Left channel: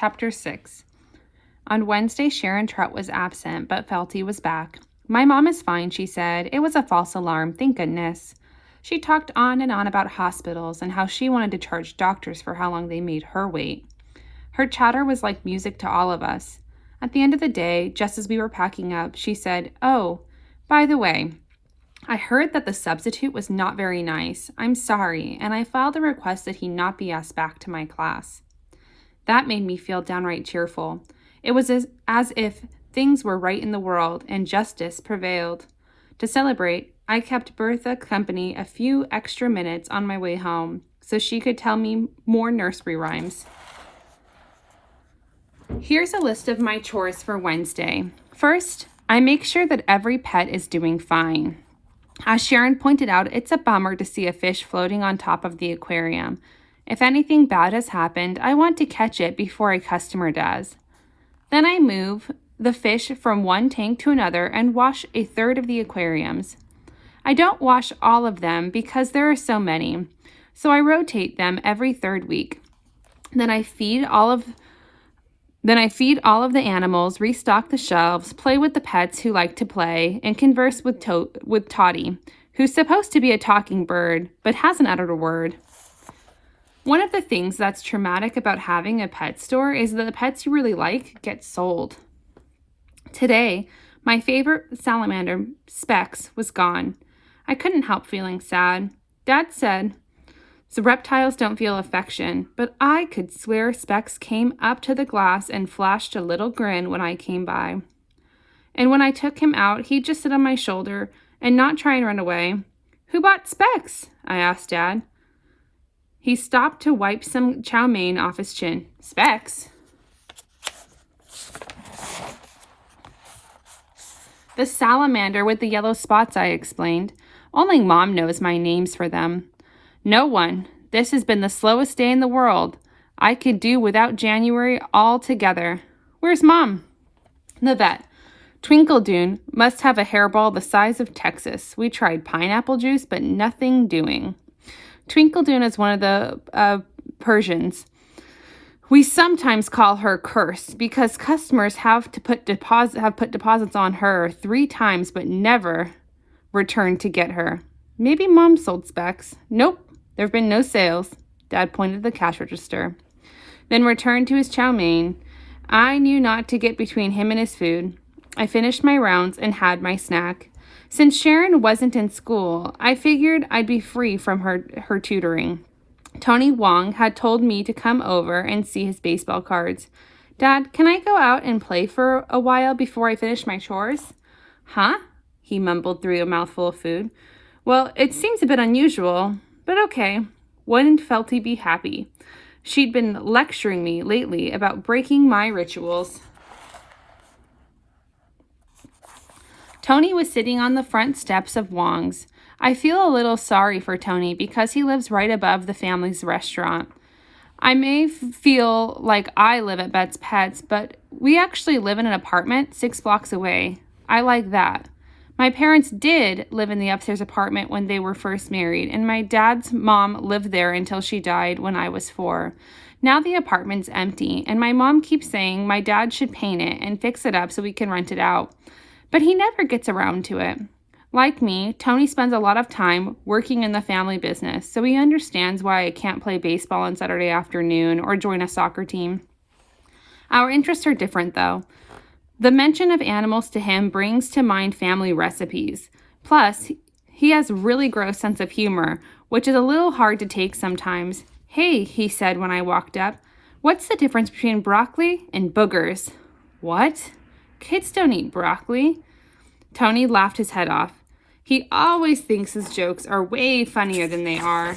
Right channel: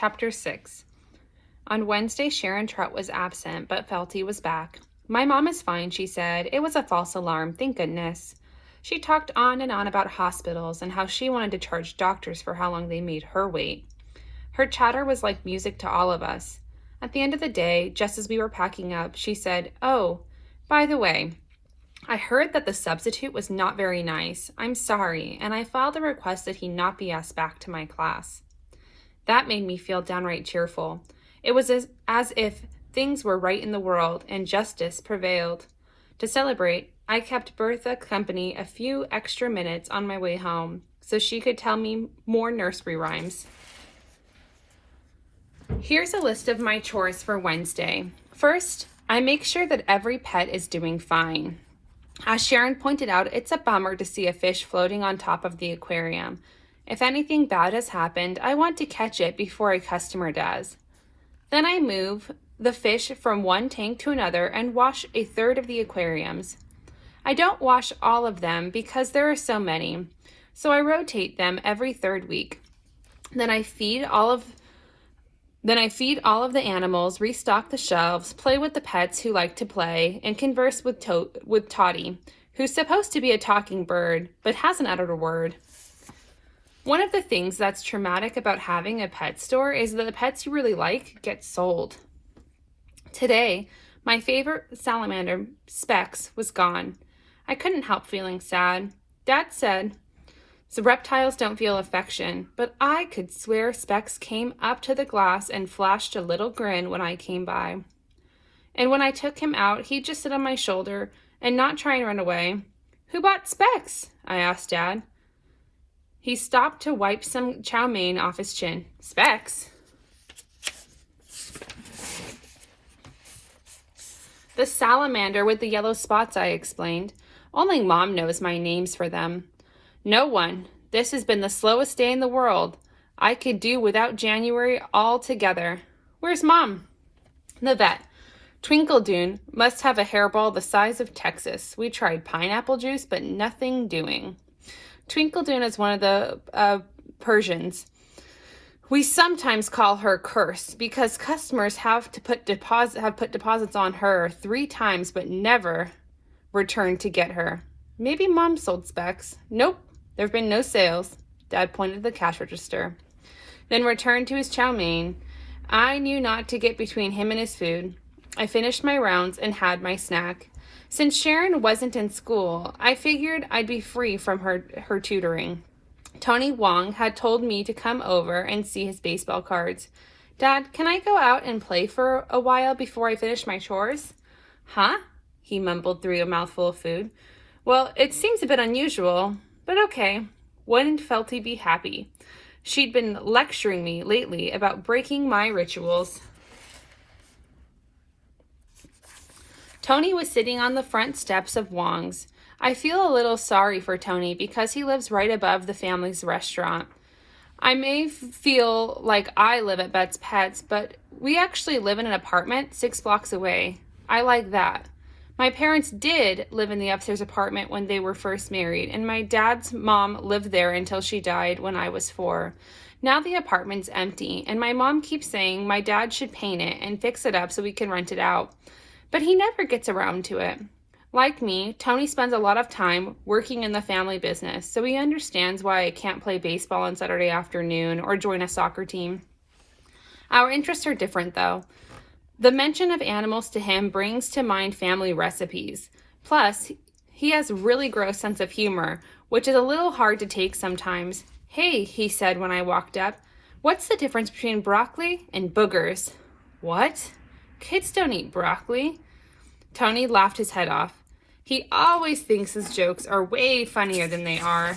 Chapter 6. On Wednesday, Sharon Trott was absent, but Felty was back. "My mom is fine," she said. "It was a false alarm, thank goodness." She talked on and on about hospitals and how she wanted to charge doctors for how long they made her wait. Her chatter was like music to all of us. At the end of the day, just as we were packing up, she said, "Oh, by the way, I heard that the substitute was not very nice. I'm sorry, and I filed a request that he not be asked back to my class." That made me feel downright cheerful. It was as if things were right in the world and justice prevailed. To celebrate, I kept Bertha company a few extra minutes on my way home so she could tell me more nursery rhymes. Here's a list of my chores for Wednesday. First, I make sure that every pet is doing fine. As Sharon pointed out, it's a bummer to see a fish floating on top of the aquarium. If anything bad has happened, I want to catch it before a customer does. Then I move the fish from one tank to another and wash a third of the aquariums. I don't wash all of them because there are so many, so I rotate them every third week. Then I feed all of the animals, restock the shelves, play with the pets who like to play, and converse with Toddy, who's supposed to be a talking bird, but hasn't uttered a word. One of the things that's traumatic about having a pet store is that the pets you really like get sold. Today, my favorite salamander, Specs, was gone. I couldn't help feeling sad. Dad said, "So reptiles don't feel affection," but I could swear Specs came up to the glass and flashed a little grin when I came by. And when I took him out, he'd just sit on my shoulder and not try and run away. "Who bought Specs?" I asked Dad. He stopped to wipe some chow mein off his chin. "Specs?" "The salamander with the yellow spots," I explained. "Only Mom knows my names for them." "No one. This has been the slowest day in the world. I could do without January altogether." "Where's Mom?" "The vet. Twinkledoon must have a hairball the size of Texas. We tried pineapple juice, but nothing doing." Twinkledoon is one of the Persians. We sometimes call her Curse because customers have put deposits on her 3 times, but never returned to get her. "Maybe Mom sold Specs." "Nope, there have been no sales." Dad pointed to the cash register, then returned to his chow mein. I knew not to get between him and his food. I finished my rounds and had my snack. Since Sharon wasn't in school, I figured I'd be free from her tutoring. Tony Wong had told me to come over and see his baseball cards. "Dad, can I go out and play for a while before I finish my chores?" "Huh?" he mumbled through a mouthful of food. "Well, it seems a bit unusual, but okay." Wouldn't Felty be happy? She'd been lecturing me lately about breaking my rituals. Tony was sitting on the front steps of Wong's. I feel a little sorry for Tony because he lives right above the family's restaurant. I may feel like I live at Bett's Pets, but we actually live in an apartment 6 blocks away. I like that. My parents did live in the upstairs apartment when they were first married, and my dad's mom lived there until she died when I was 4. Now the apartment's empty, and my mom keeps saying my dad should paint it and fix it up so we can rent it out. But he never gets around to it. Like me, Tony spends a lot of time working in the family business, so he understands why I can't play baseball on Saturday afternoon or join a soccer team. Our interests are different, though. The mention of animals to him brings to mind family recipes. Plus, he has really gross sense of humor, which is a little hard to take sometimes. "Hey," he said when I walked up, "what's the difference between broccoli and boogers?" "What? Kids don't eat broccoli." Tony laughed his head off. He always thinks his jokes are way funnier than they are.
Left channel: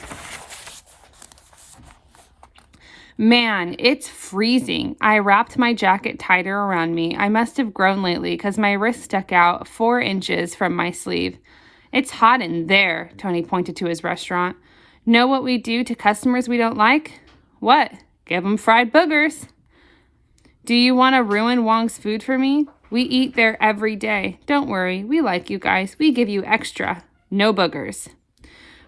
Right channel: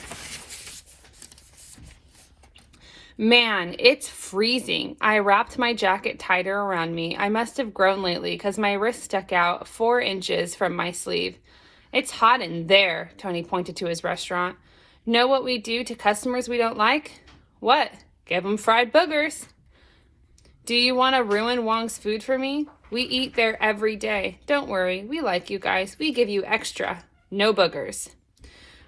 Man, it's freezing. I wrapped my jacket tighter around me. I must have grown lately because my wrist stuck out 4 inches from my sleeve. "It's hot in there," Tony pointed to his restaurant. "Know what we do to customers we don't like?" "What?" "Give them fried boogers." "Do you want to ruin Wong's food for me? We eat there every day. Don't worry, we like you guys. We give you extra. No boogers."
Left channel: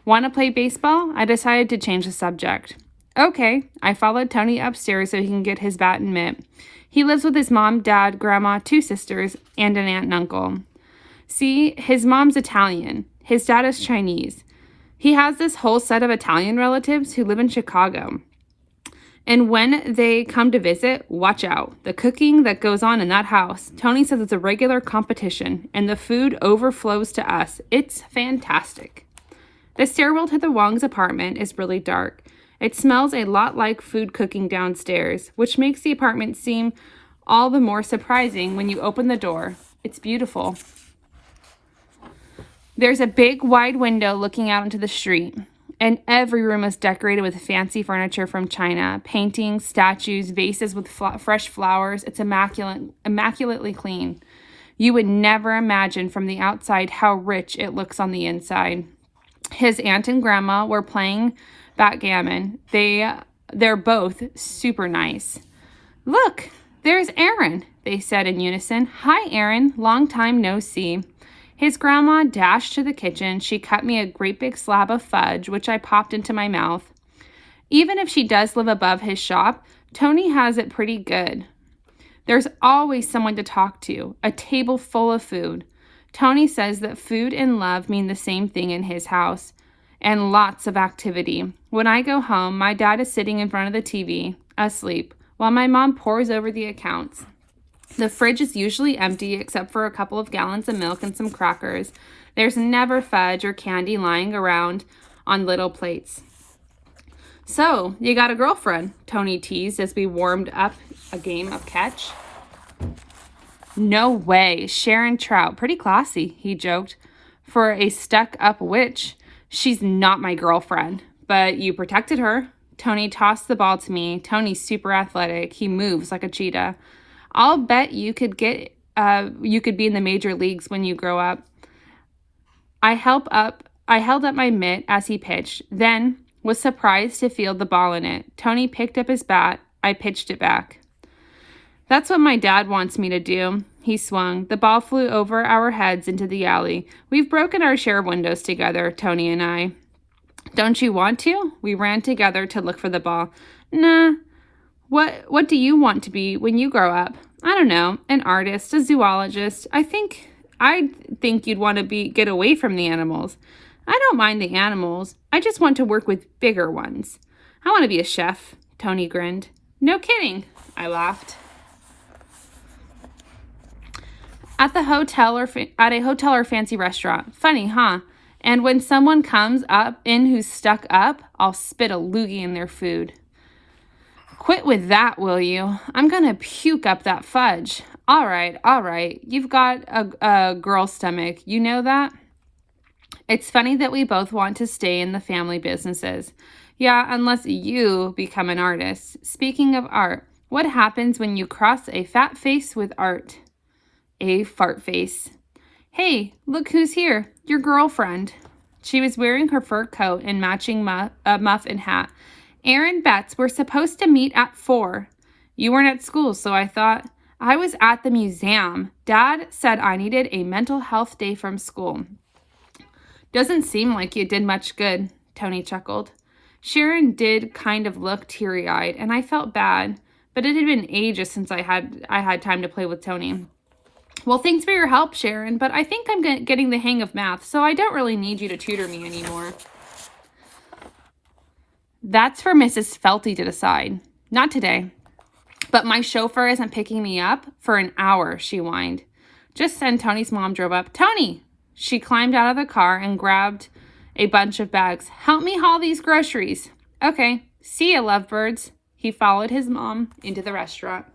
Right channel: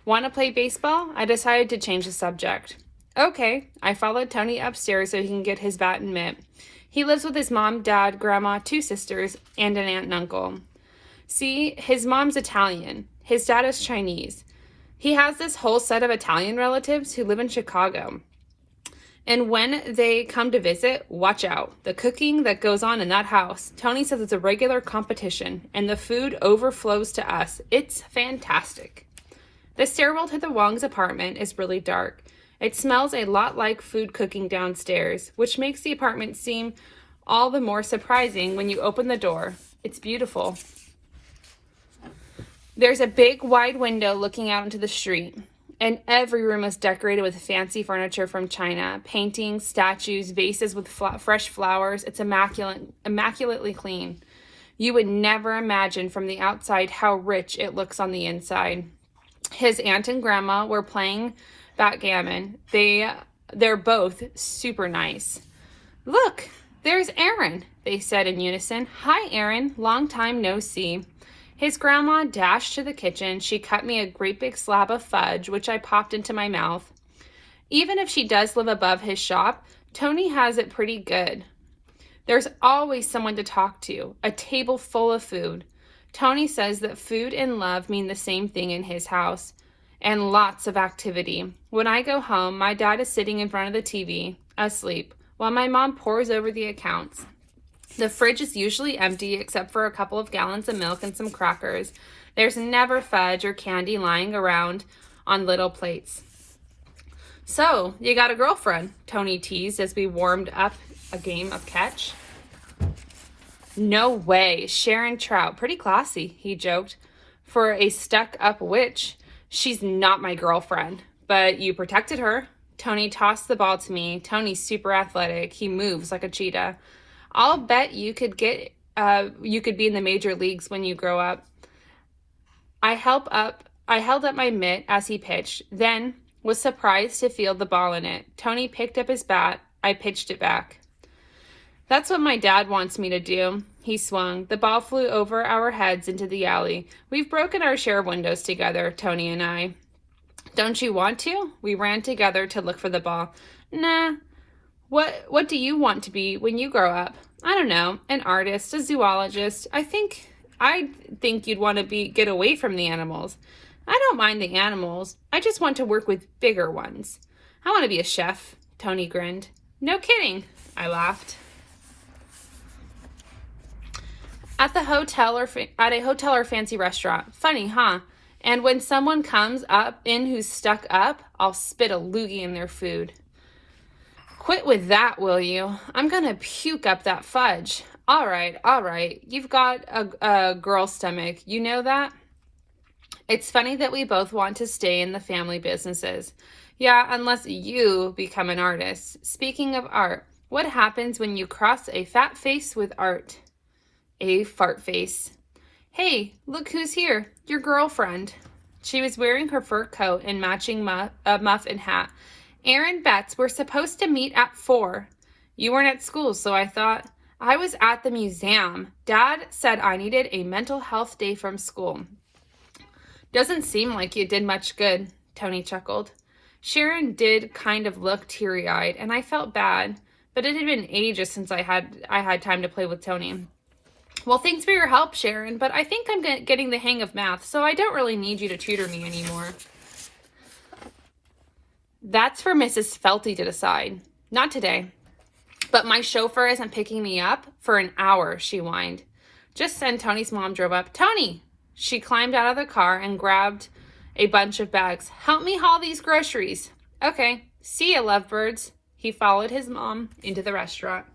"Want to play baseball?" I decided to change the subject. Okay, I followed Tony upstairs so he can get his bat and mitt. He lives with his mom, dad, grandma, 2 sisters, and an aunt and uncle. See, his mom's Italian. His dad is Chinese. He has this whole set of Italian relatives who live in Chicago. And when they come to visit, watch out. The cooking that goes on in that house. Tony says it's a regular competition, and the food overflows to us. It's fantastic. The stairwell to the Wong's apartment is really dark. It smells a lot like food cooking downstairs, which makes the apartment seem all the more surprising when you open the door. It's beautiful. There's a big wide window looking out into the street, and every room is decorated with fancy furniture from China, paintings, statues, vases with fresh flowers. It's immaculately clean. You would never imagine from the outside how rich it looks on the inside. His aunt and grandma were playing backgammon. They're both super nice. Look, there's Aaron, they said in unison. Hi, Aaron. Long time no see. His grandma dashed to the kitchen. She cut me a great big slab of fudge, which I popped into my mouth. Even if she does live above his shop, Tony has it pretty good. There's always someone to talk to, a table full of food. Tony says that food and love mean the same thing in his house, and lots of activity. When I go home, my dad is sitting in front of the TV, asleep, while my mom pores over the accounts. The fridge is usually empty except for a couple of gallons of milk and some crackers. There's never fudge or candy lying around on little plates. So, you got a girlfriend, Tony teased as we warmed up a game of catch. No way, Sharon Trout, pretty classy, he joked. For a stuck-up witch, she's not my girlfriend, but you protected her. Tony tossed the ball to me. Tony's super athletic. He moves like a cheetah. I'll bet you could be in the major leagues when you grow up. I held up my mitt as he pitched, then was surprised to feel the ball in it. Tony picked up his bat. I pitched it back. That's what my dad wants me to do. He swung. The ball flew over our heads into the alley. We've broken our share of windows together, Tony and I. Don't you want to? We ran together to look for the ball. Nah. What do you want to be when you grow up? I don't know. An artist, a zoologist. I think you'd want to get away from the animals. I don't mind the animals. I just want to work with bigger ones. I want to be a chef. Tony grinned. No kidding, I laughed. At a hotel or fancy restaurant. Funny, huh? And when someone comes in who's stuck up, I'll spit a loogie in their food. Quit with that, will you? I'm gonna puke up that fudge. All right. You've got a girl stomach. You know that? It's funny that we both want to stay in the family businesses. Yeah, unless you become an artist. Speaking of art, what happens when you cross a fat face with art? A fart face. Hey, look who's here. Your girlfriend. She was wearing her fur coat and matching muff and hat. Aaron Betts, we're supposed to meet at 4. You weren't at school, so I thought. I was at the museum. Dad said I needed a mental health day from school. Doesn't seem like you did much good, Tony chuckled. Sharon did kind of look teary-eyed, and I felt bad, but it had been ages since I had time to play with Tony. Well, thanks for your help, Sharon, but I think I'm getting the hang of math, so I don't really need you to tutor me anymore. That's for Mrs. Felty to decide. Not today. But my chauffeur isn't picking me up for an hour, she whined. Just then, Tony's mom drove up. Tony! She climbed out of the car and grabbed a bunch of bags. Help me haul these groceries. Okay. See ya, lovebirds. He followed his mom into the restaurant.